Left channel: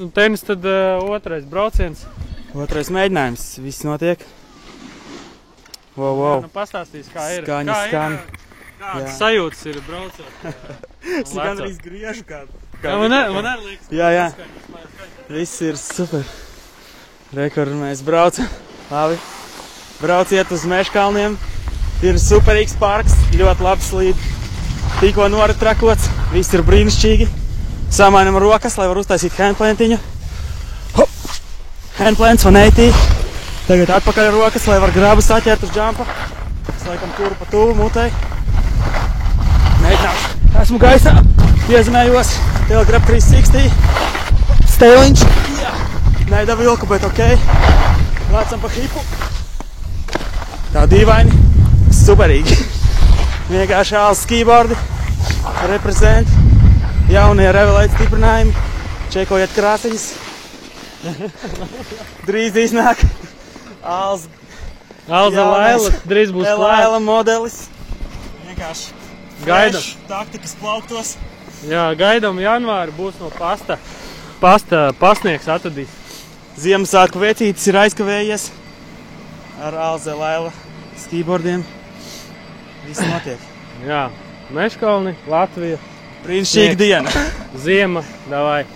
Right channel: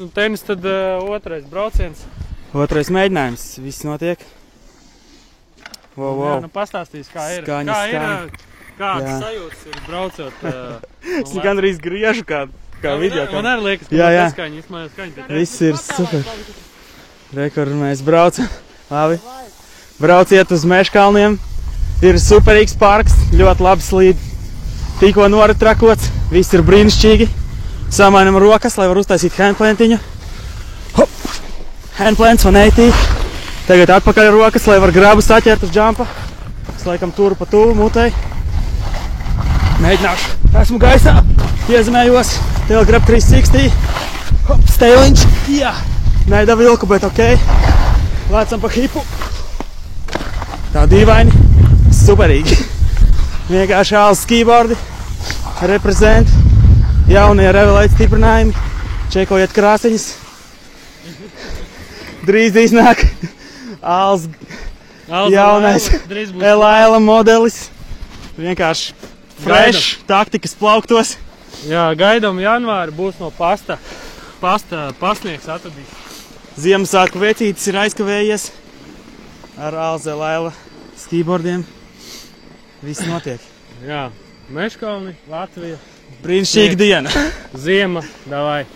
Un tenis tad otrais brauciens. Otrais mēģinājums. Viss notiek. Wow. Jā, nu pastāstīs, kā ir. Skaņas. Kādas sajūtas ir braucot. Es gandrīz griežu kādu. Man arī liekas, ka jā. Skaņa. Viss ir super. Rekur mēs braucam. Labi. Brauciet uz Meškalniem. Ir superīgs parks. Ļoti labi slīd. Tikko noritrakots. Viss ir brīnišķīgi. Samainam rokas, lai var uztaisīt handplantiņu. Hop! Handplants 180. Tagad atpakaļ rokas, lai var grabu saķert uz džampa. Es laikam turu pa tuvu mutei. Mēģināšu. Esmu gaisā. Piezemējos. Tail grab 360. Hop! Stēliņš. Jā! Neida vilku, bet ok. Lēcam pa hipu. Tā dīvaini. Superīgi. Vienkārši āls skībordi. Reprezent. Jaunie Revelēta stiprinājumi. Čekojiet krāsiņas. Drīz iznāk āls jaunais drīz būs Elaila modelis. Vienkārši fresh taktikas plauktos. Jā, gaidām janvāri būs no pasta pasniegs atradīs. Ziemassvētku vecītis ir aizkavējies ar āls Elaila skībordiem. Viss notiek. Jā, Meškalni, Latvija. Brīnišķīga diena. Ziema, davai.